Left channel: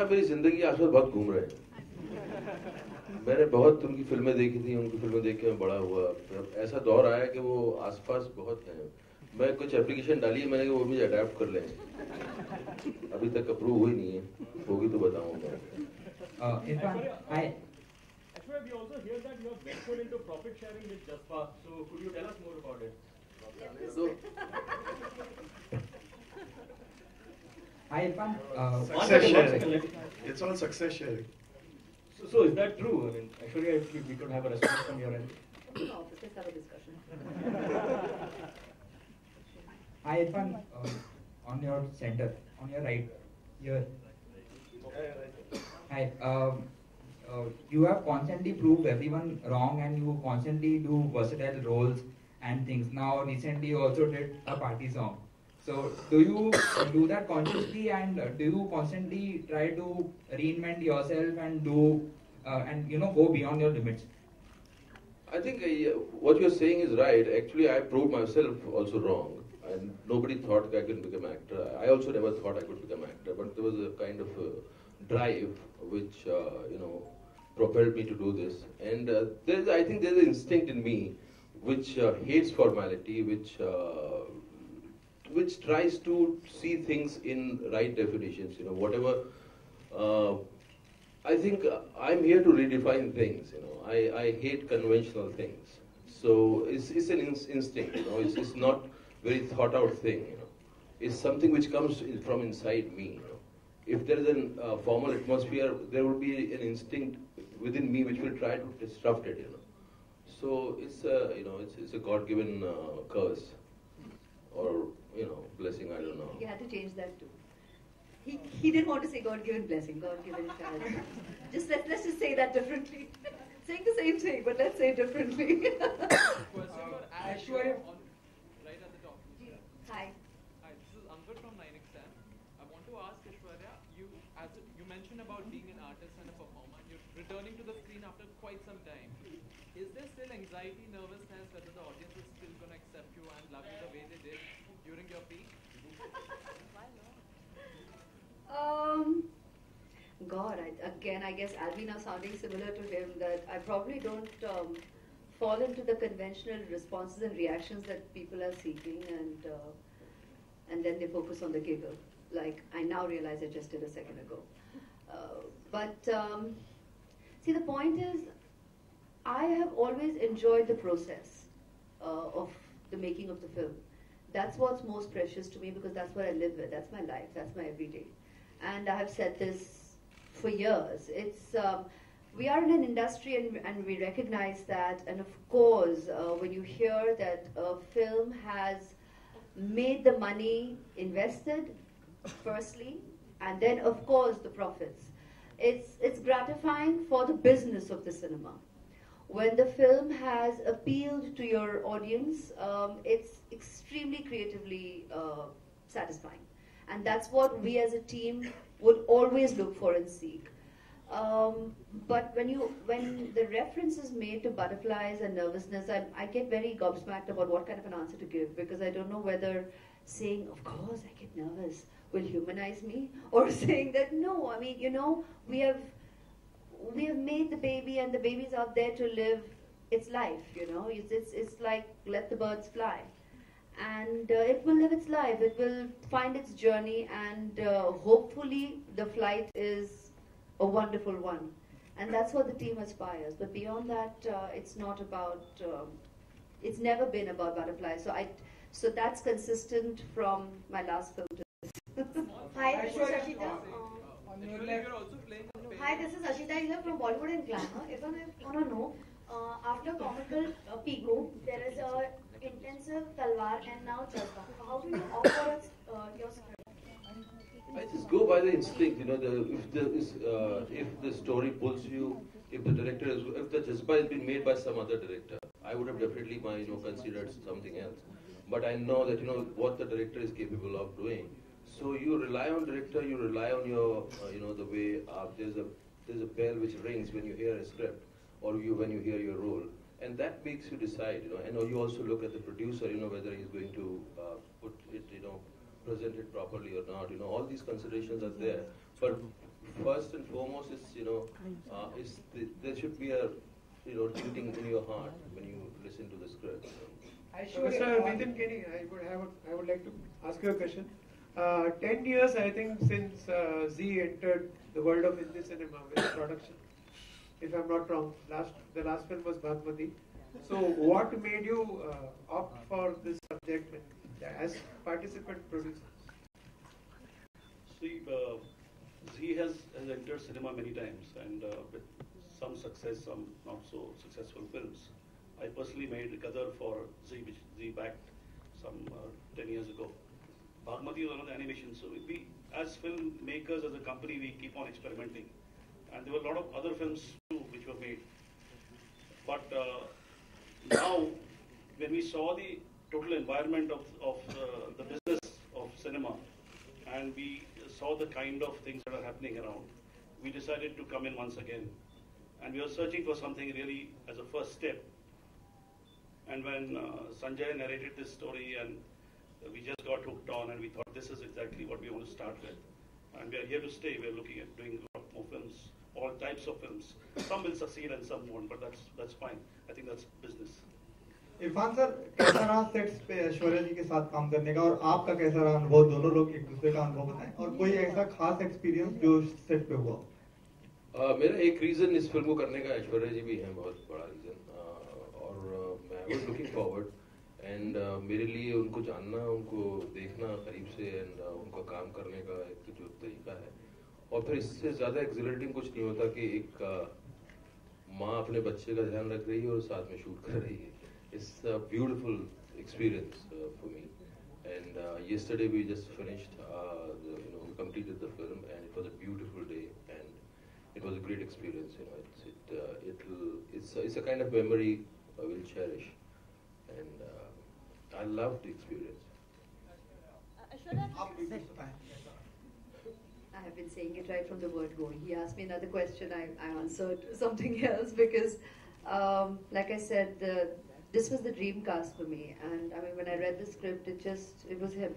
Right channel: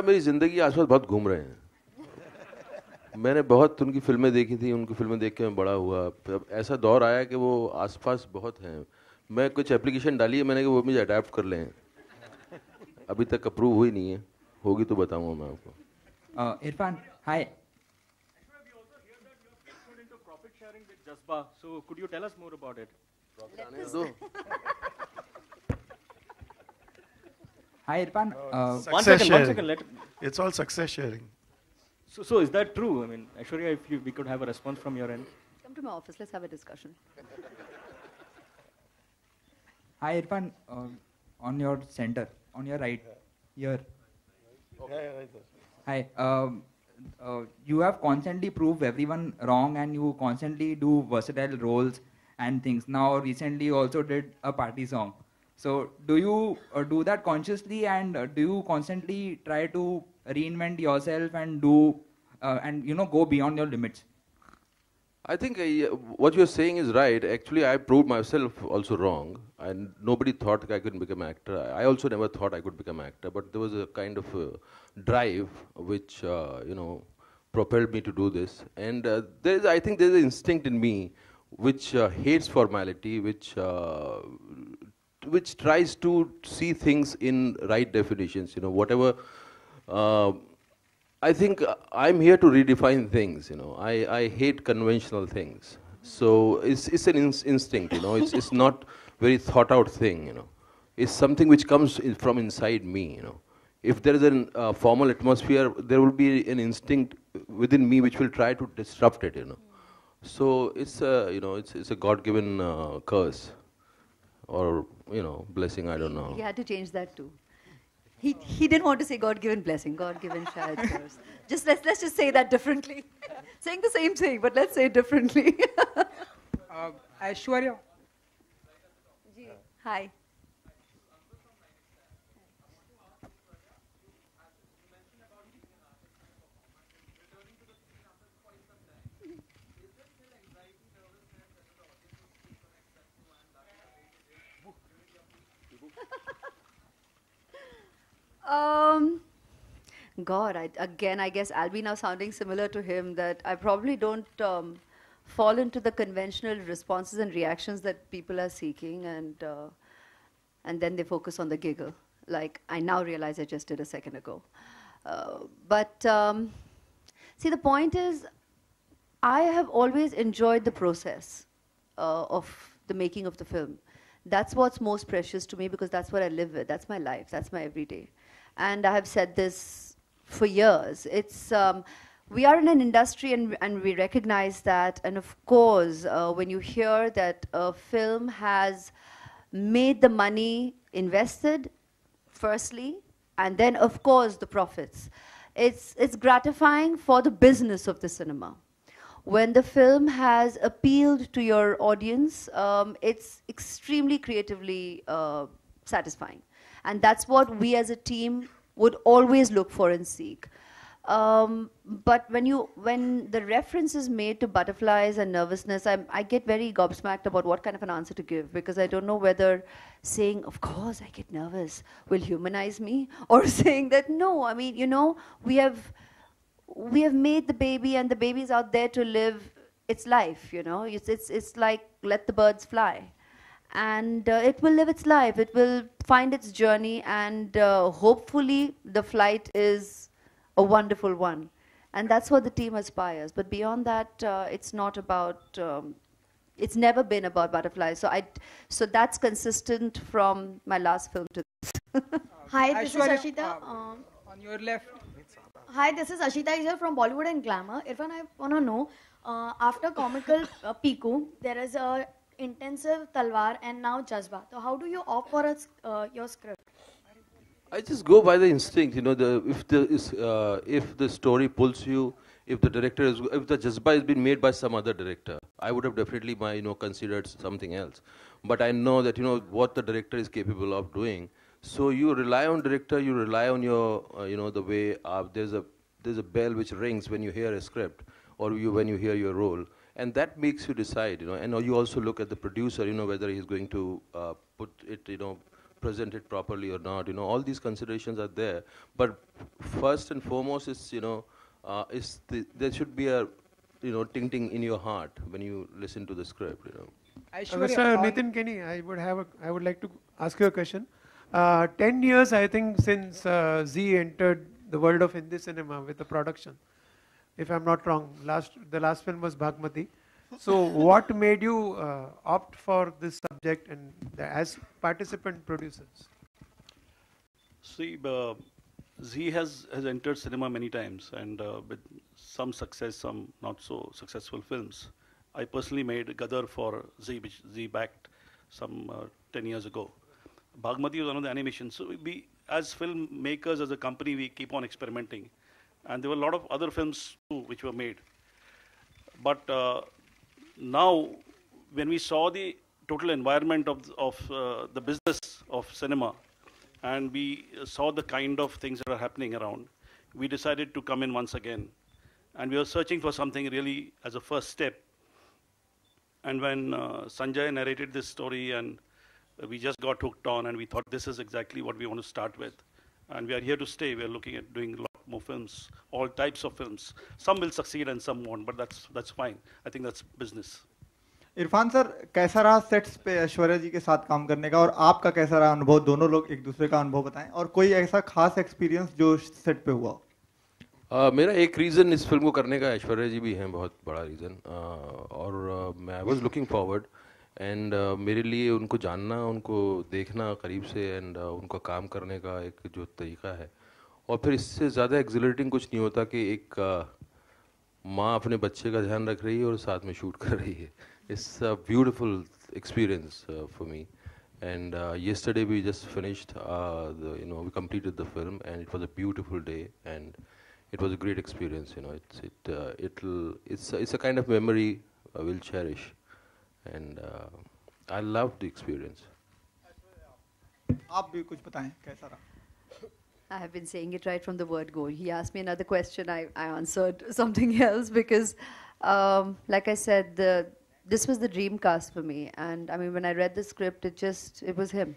मेरी ज़िंदगी के आस-पास बहुत घूम रहे हैं। मैंने बहुत उनकी फ़िल्में देखी थी, उनकी फ़िल्में देख के मैं बड़ा हुआ। अब ऐसा दौर आया कि वो आस-पास बहुत हैं। मैं कुछ एप्लीकेशन डाली है मैंने कि वो मुझे अडॉप्ट कर लें। अभी तक अप्रूव हुई नहीं है, होगी तो बताऊँगा मैं आपको। Irfan, hi. Ashwara, we also hear that you have ventured into profit sharing with Jaspa. So could you tell us more about it? Hi, Irfan. Success One sharing. second. It's all success sharing. So is that true? I mean, Ashwarya, if we could have a response from your end. Come to office, let's have a discussion. Hi, Irfan. On your center, on your right, here. Hi. You have constantly proved everyone wrong, and you constantly do versatile roles and things. Now, recently, you also did a party song. So, do you do that consciously, and do you constantly try to reinvent yourself and do and go beyond your limits? I think what you're saying is right. Actually, I proved myself also wrong. And nobody thought I could become an actor. I also never thought I could become an actor, but there was a kind of drive which propelled me to do this. And I think there's an instinct in me which hates formality, which tries to see things in right definitions. Whatever. I think I'm here to redefine things. I hate conventional things. So it's an instinct. It's not very thought out thing. It's something which comes from inside me. If there is a formal atmosphere, there will be an instinct within me which will try to disrupt it. So it's a God-given curse, or blessing. I don't know. He had to change that too. He didn't want to say God-given blessing, God-given shayad. Let's just say that differently. Saying the same thing, but let's say it differently. Aishwarya. Hi. Hi, this is Ankur from 9XM. I want to ask Aishwarya, you mentioned about being an artist and a performer, and you're returning to the screen after quite some time. Is there still anxiety, nervousness, whether the audience is still going to accept you and love you the way they did during your peak? God, I guess I'll be now sounding similar to him, that I probably don't fall into the conventional responses and reactions that people are seeking, and then they focus on the giggle, like I now realize I just did a second ago. See, the point is, I have always enjoyed the process of the making of the film. That's what's most precious to me, because that's what I live with. That's my life. That's my everyday. And I have said this for years. We are in an industry, and we recognize that. And of course, when you hear that a film has made the money invested, firstly, and then of course the profits, it's gratifying for the business of the cinema. When the film has appealed to your audience, it's extremely creatively satisfying. And that's what we as a team would always look for and seek. But when the reference is made to butterflies and nervousness, I get very gobsmacked about what kind of an answer to give, because I don't know whether saying, of course I get nervous, will humanize me, or saying that, no, I mean, we have made the baby, and the baby's out there to live its life. It's like, let the birds fly, and it will live its life. It will find its journey, and hopefully the flight is a wonderful one, and that's what the team aspires. But beyond that, it's not about. It's never been about butterflies. So that's consistent from my last film to this. Hi, this is Aishwarya, Ashita. on your left. Hi, this is Ashita here from Bollywood and Glamour. Irfan, I want to know, after comical Piku, there is a intensive Talwar and now Jazba. So how do you opt for your script? I just go by the instinct. If the story pulls you, if the Jazba has been made by some other director, I would have definitely considered something else. But I know that what the director is capable of doing. So you rely on director. You rely on your the way there's a bell which rings when you hear a script, or when you hear your role, and that makes you decide. And you also look at the producer. Whether he's going to put it presented properly or not. All these considerations are there. But first and foremost is, there should be a, ting in your heart when you listen to the script. Mr. Nitin Kenny, I would like to ask you a question. 10 years, I think, since Z entered the world of Hindi cinema with the production. If I'm not wrong, the last film was Bhagmati. So what made you opt for this subject and as participant producers? See, Z has entered cinema many times, and with some success, some not so successful films. I personally made Gadar for Z, which Z backed some 10 years ago. Bhagmati was one of the animations. So we, as filmmakers, as a company, we keep on experimenting. And there were a lot of other films too which were made. But now, when we saw the total environment of the business of cinema, and we saw the kind of things that are happening around, we decided to come in once again. And we were searching for something really as a first step. And when Sanjay narrated this story, and we just got hooked on, and we thought this is exactly what we want to start with. And we are here to stay. We are looking at doing a lot more films, all types of films. Some will succeed and some won't, but that's fine. I think that's business. Irfan sir, कैसा रहा sets पे ऐश्वर्या जी के साथ काम करने का, और आपका कैसा रहा अनुभव? दोनों लोग एक दूसरे का अनुभव बताएं, और कोई ऐसा खास एक्सपीरियंस जो सेट पे हुआ? मेरा एक रीज़न इस फिल्म को करने का ऐश्वर्या जी भी हैं, बहुत बड़ा रीज़न, और मैं वाज लुकिंग फॉरवर्ड, एंड मेरे लिए उनको जानना, उनको देखना करीब से, एंड उनका काम करने का एक जो तरीका है, और फिर इससे ज़्यादा एक्सिलरेटिंग कुछ नहीं होता कि एक माँ अपने बच्चे का ध्यान रख रही है और साथ में शूट कर रही है. It's a beautiful experience for me, and yesterday we just finished, we completed the film, and it was a beautiful day, and it was a great experience. It's a kind of memory we'll cherish, and I loved the experience. आप भी कुछ बताएं, कैसा रहा? I have been saying it right from the word go. He asked me another question, I answered something else because, like I said, this was the dream cast for me, and I mean, when I read the script, it was him.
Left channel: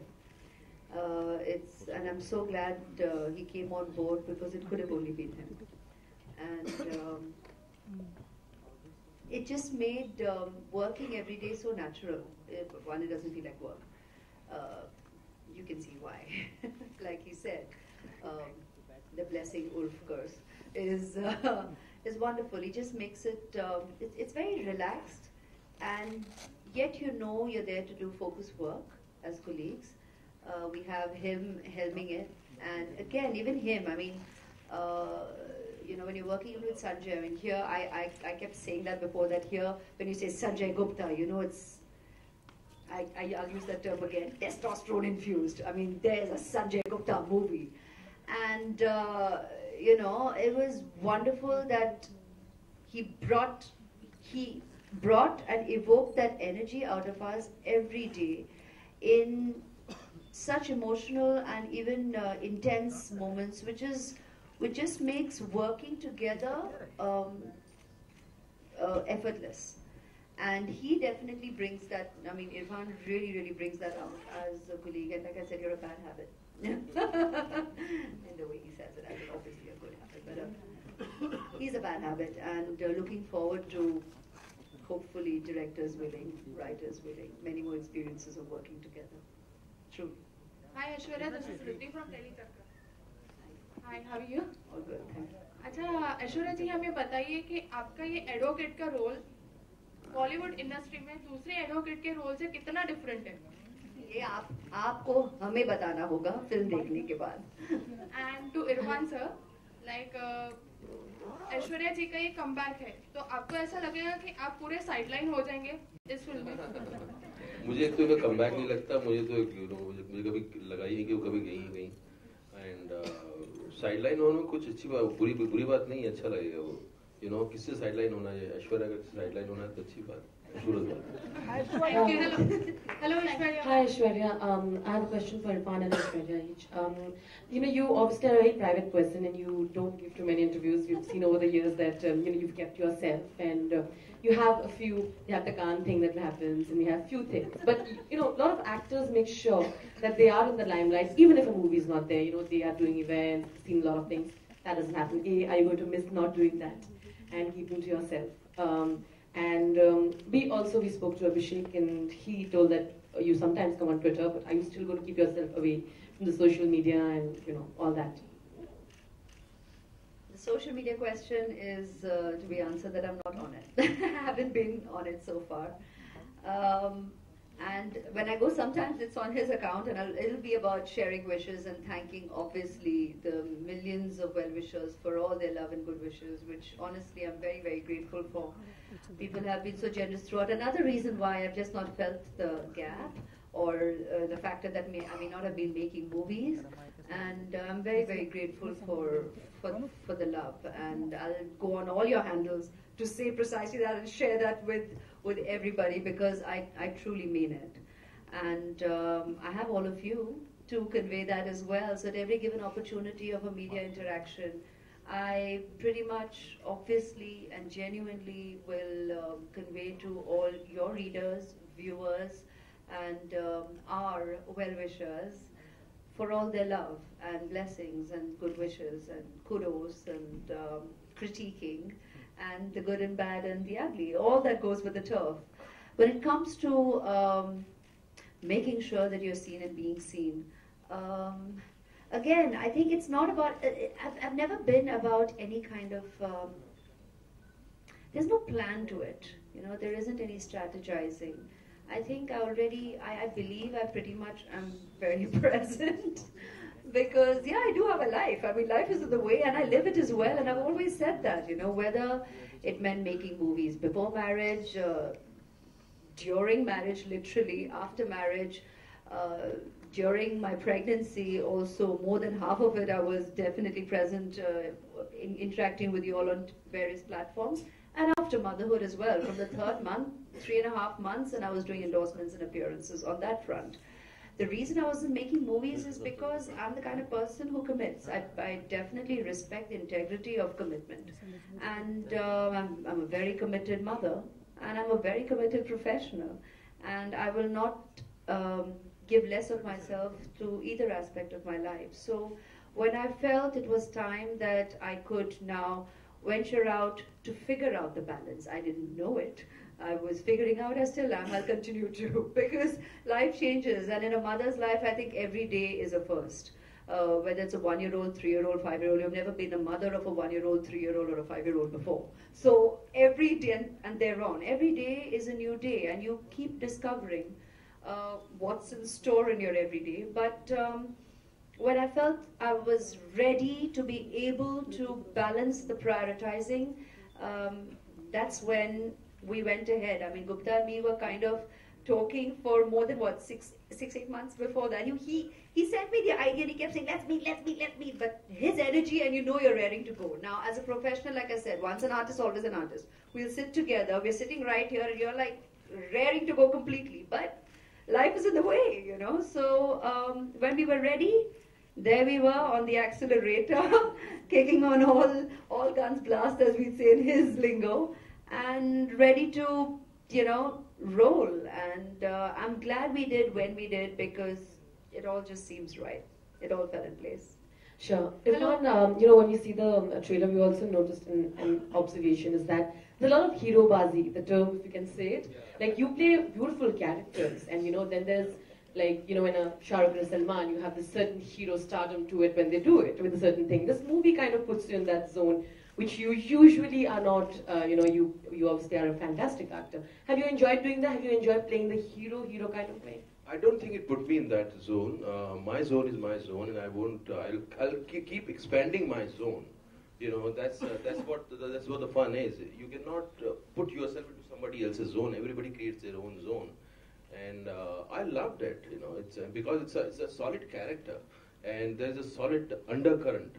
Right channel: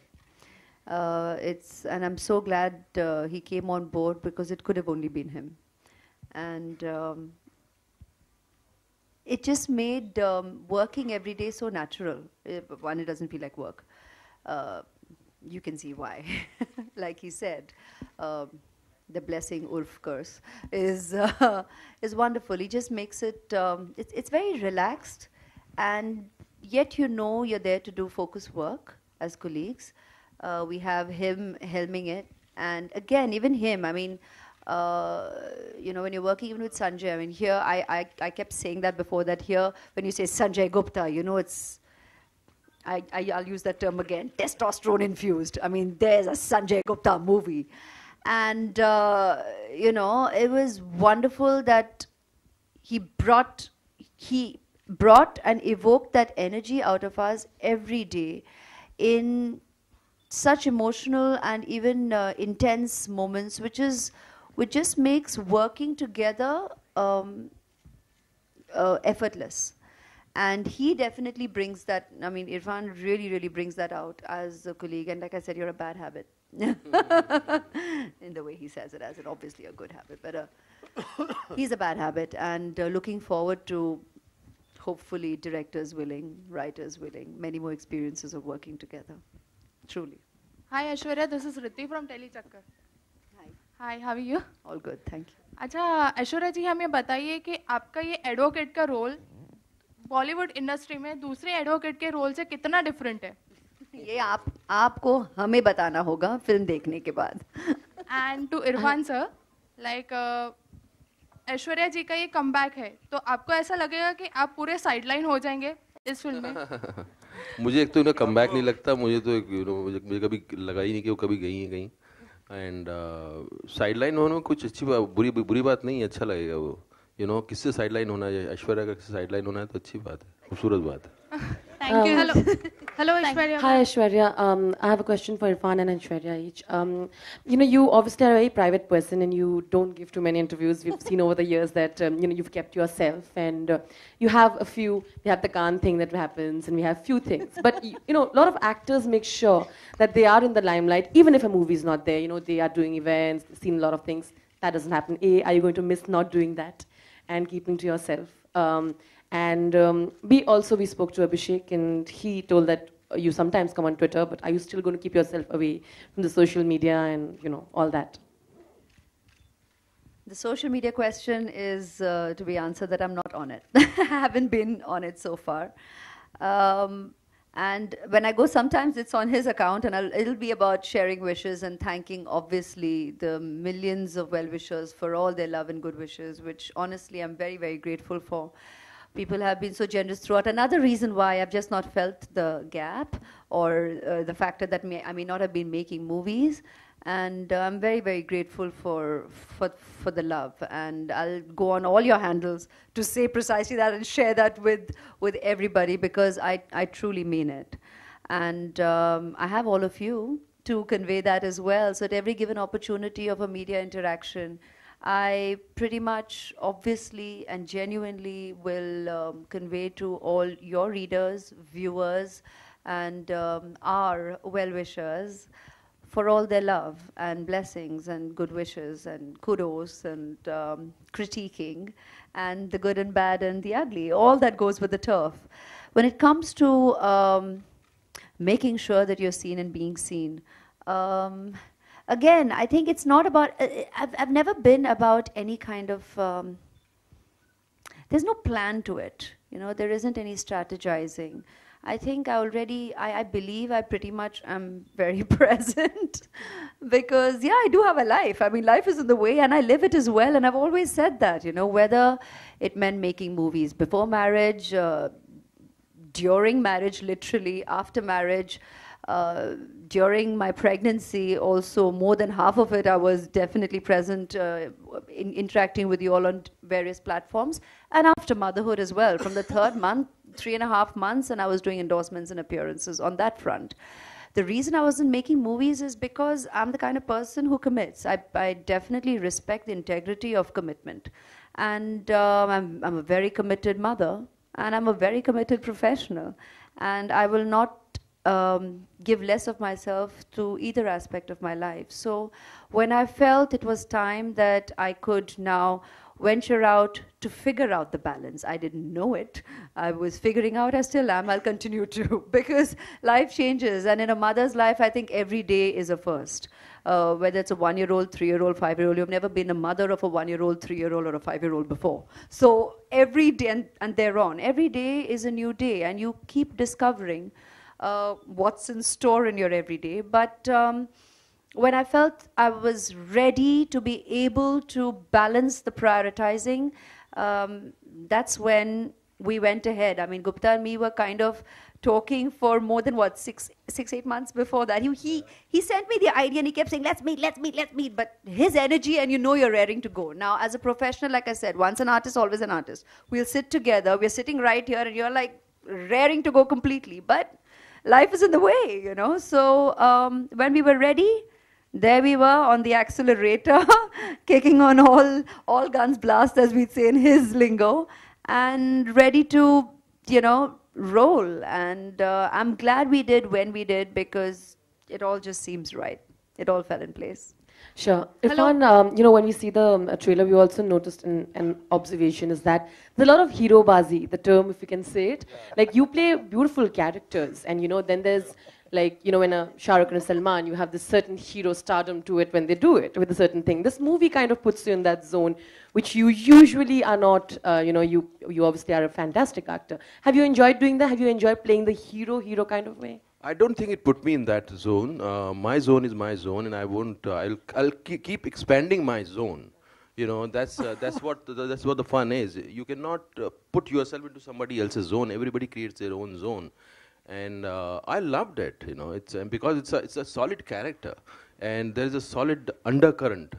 And I'm so glad he came on board, because it could have only been him, and it just made working every day so natural. One, it doesn't feel like work. You can see why. Like he said, the blessing Urf curse is wonderful. He just makes it. It's very relaxed. And yet you're there to do focus work as colleagues. We have him helming it. And again, even him, I mean, when you're working even with Sanjay, I mean, here, I kept saying that before, that here, when you say Sanjay Gupta, it's, I'll use that term again, testosterone infused. I mean, there's a Sanjay Gupta movie. And, it was wonderful that he brought and evoked that energy out of us every day in such emotional and even intense moments, which just makes working together effortless. And he definitely brings that. I mean, Irfan really, really brings that out as a colleague. And like I said, you're a bad habit. In the way he says it, as it obviously a good habit, but he's a bad habit. And looking forward to, hopefully, directors willing, writers willing, many more experiences of working together. Truly. Hi Aishwarya, this is Ritti from Telechakkar. Hi, how are you? All good, thank you. अच्छा ऐश्वर्या जी, हमें बताइए कि आपका ये advocate का role Bollywood industry में दूसरे advocate के रोल से कितना डिफरेंट है? ये आपको हमें बताना होगा फिल्म देखने के बाद. And to Irrfan sir, like Aishwarya ji का ये कमबैक है, तो आपको ऐसा लगेगा कि आप पूरे साइडलाइन हो जाएंगे इस फिल्म में? मुझे एक तो इन्हें कमबैक नहीं लगता, मुझे तो मुझे कभी लगा ही नहीं कि वो कभी गई हैं कहीं. एंड साइडलाइन होना कुछ अच्छी बात, बुरी बात नहीं, अच्छा लगेगा वो. किससे साइडलाइन होना है, ऐश्वर्या का किससे साइडलाइन होना है तो अच्छी बात है, खूबसूरत बात है. Thank you. Hello, Aishwarya. Hi, Aishwarya. I have a question for Irfan and Aishwarya each. You obviously are a very private person and you don't give too many interviews. We've seen over the years that, you've kept yourself and you have we have the Khan thing that happens and we have few things. But, a lot of actors make sure that they are in the limelight, even if a movie is not there. They are doing events, seen a lot of things. That doesn't happen. Are you going to miss not doing that and keeping to yourself? We spoke to Abhishek and he told that you sometimes come on Twitter, but are you still going to keep yourself away from the social media and all that? The social media question is to be answered that I'm not on it. I haven't been on it so far. And when I go, sometimes it's on his account and it'll be about sharing wishes and thanking, obviously, the millions of well-wishers for all their love and good wishes, which honestly I'm very, very grateful for. People have been so generous throughout. Another reason why I've just not felt the gap or the factor that I may not have been making movies. And I'm very, very grateful for the love. And I'll go on all your handles to say precisely that and share that with everybody because I truly mean it. And I have all of you to convey that as well. So at every given opportunity of a media interaction, I pretty much, obviously and genuinely will convey to all your readers, viewers, and our well-wishers for all their love and blessings and good wishes and kudos and critiquing and the good and bad and the ugly, all that goes with the turf. When it comes to making sure that you're seen and being seen, again, I think it's not about, I've never been about any kind of, there's no plan to it. There isn't any strategizing. I think I believe I pretty much am very present because, yeah, I do have a life. I mean, life is in the way and I live it as well. And I've always said that, whether it meant making movies before marriage, during marriage, literally, after marriage, during my pregnancy, also more than half of it, I was definitely present interacting with you all on various platforms. And after motherhood as well, from the third month, 3.5 months, and I was doing endorsements and appearances on that front. The reason I wasn't making movies is because I'm the kind of person who commits. I definitely respect the integrity of commitment. And I'm a very committed mother, and I'm a very committed professional. And I will not give less of myself to either aspect of my life. So when I felt it was time that I could now venture out to figure out the balance, I didn't know it. I was figuring out, I still am, I'll continue to, because life changes, and in a mother's life, I think every day is a first. Whether it's a 1-year-old, 3-year-old, 5-year-old, you've never been a mother of a 1-year-old, 3-year-old, or a 5-year-old before. So every day, and thereon, every day is a new day, and you keep discovering what's in store in your everyday. But when I felt I was ready to be able to balance the prioritizing, that's when we went ahead. I mean, Gupta and me were kind of talking for more than, 6-8 months before that. He sent me the idea and he kept saying, let's meet. But his energy, and you're raring to go. Now, as a professional, like I said, once an artist, always an artist. We'll sit together. We're sitting right here and you're like raring to go completely. But life is in the way, So when we were ready, there we were on the accelerator, kicking on all guns blast, as we'd say in his lingo, and ready to, roll. And I'm glad we did when we did because it all just seems right. It all fell in place. Sure. Irfan, when we see the trailer, we also noticed an observation is that there's a lot of hero bazi, the term, if you can say it. Like, you play beautiful characters, and, then there's, like, when a Shah Rukh and Salman, you have this certain hero stardom to it when they do it with a certain thing. This movie kind of puts you in that zone, which you usually are not. You obviously are a fantastic actor. Have you enjoyed doing that? Have you enjoyed playing the hero kind of way? I don't think it put me in that zone. My zone is my zone, and I won't. I'll keep expanding my zone. That's what the fun is. You cannot put yourself into somebody else's zone. Everybody creates their own zone, and I loved it. It's because it's a solid character, and there's a solid undercurrent.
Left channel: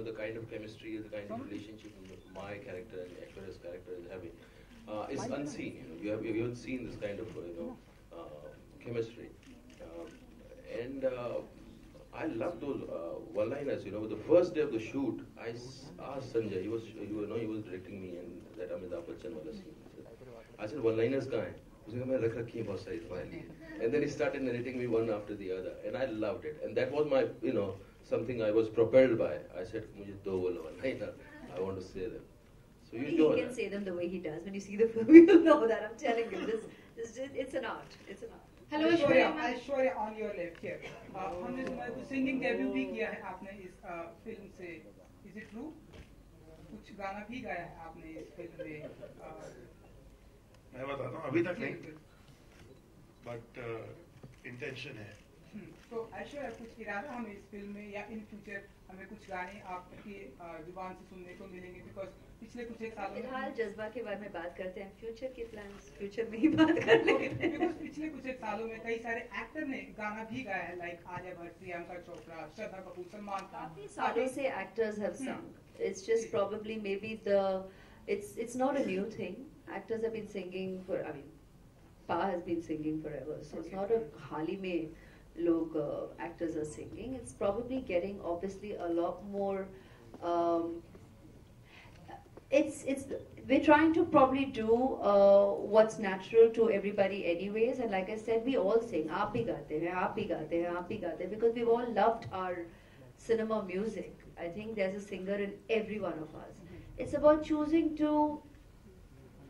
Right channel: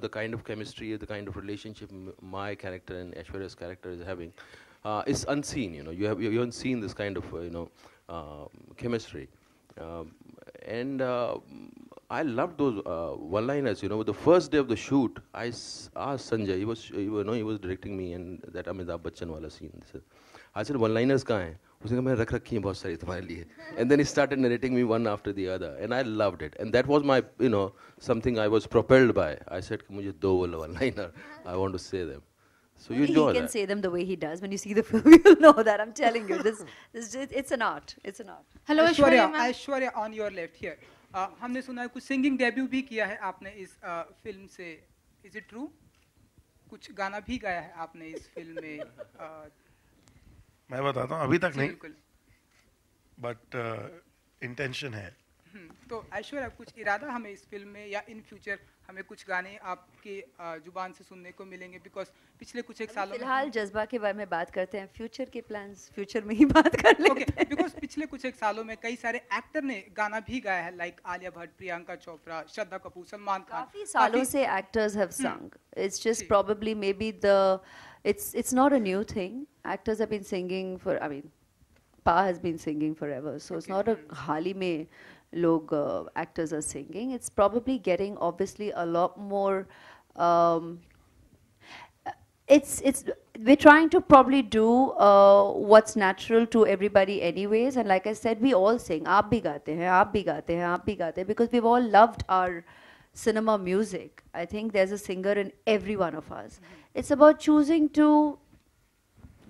The kind of chemistry, the kind of relationship my character and Aishwarya's character is having is unseen. You haven't seen this kind of chemistry. And I love those one-liners. You know, the first day of the shoot, I asked Sanjay. He was directing me, and that Amitabh Bachchan wala scene. I said, one-liners kahan hai? उसने कहा मैंने रख रखी हैं बहुत सारी तुम्हारे लिए. And then he started narrating me one after the other, and I loved it. And that was my, you know, something I was propelled by. I said, मुझे दो one-liner. I want to say them. So you enjoy that. He can say them the way he does. When you see the film, you'll know that. I'm telling you, it's an art. It's an art. Hello, Aishwarya. Aishwarya, on your left here. हमने सुना है कुछ singing debut भी किया है आपने इस film से. Is it true? कुछ गाना भी गाया है आपने इस फिल्म में. मैं बताता हूँ, अभी तक नहीं, बट इंटेंशन है. तो ऐश्वर्या, कुछ इरादा हमें इस फिल्म में या इन फ्यूचर हमें कुछ गाने आपके जुबान से सुनने को मिलेंगे? बिकॉज पिछले कुछ एक सालों में फिलहाल जज्बा के बारे में बात करते हैं. फ्यूचर के प्लान्स फ्यूचर में ही बात कर लेंगे. बिकॉज पिछले कुछ एक सालों में कई सारे एक्टर ने गाना भी गाया है, लाइक आलिया भट्ट, प्रियंका चोपड़ा, श्रद्धा कपूर, सलमान खान. काफी सालों से actors have sung. It's just probably maybe it's not a new thing. Actors have been singing for, I mean, Pa has been singing forever, so it's not a हाल ही में लोग actors are singing. It's probably getting obviously a lot more. We're trying to probably do what's natural to everybody anyways, and like I said, we all sing. आप भी गाते हैं, आप भी गाते हैं, आप भी गाते हैं, because we've all loved our cinema music. I think there's a singer in every one of us. It's about choosing to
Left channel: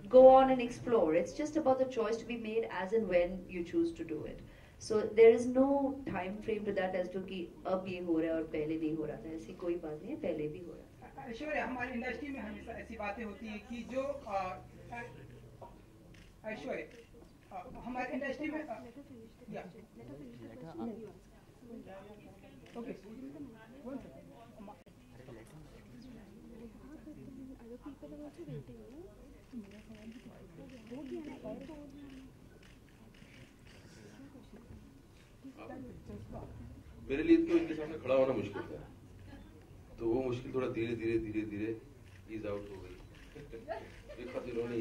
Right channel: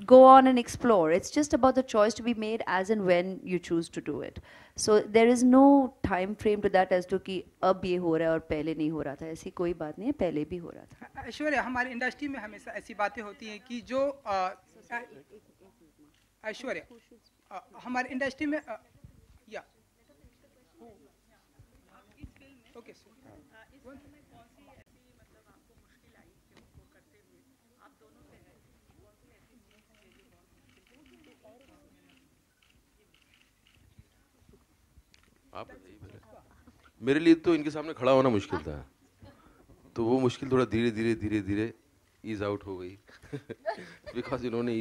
go on and explore. It's just about the choice to be made as and when you choose to do it. So there is no time frame to that as to कि अब ये हो रहा है और पहले नहीं हो रहा था. ऐसी कोई बात नहीं है, पहले भी हो रहा था. ऐश्वर्या, हमारी इंडस्ट्री में हमेशा ऐसी बातें होती हैं कि जो ऐश्वर्या हमारी इंडस्ट्री में या ओके मेरे लिए तो इनके सामने खड़ा होना मुश्किल था, तो वो मुश्किल थोड़ा धीरे धीरे ईज आउट हो गई बिकॉज इन्होंने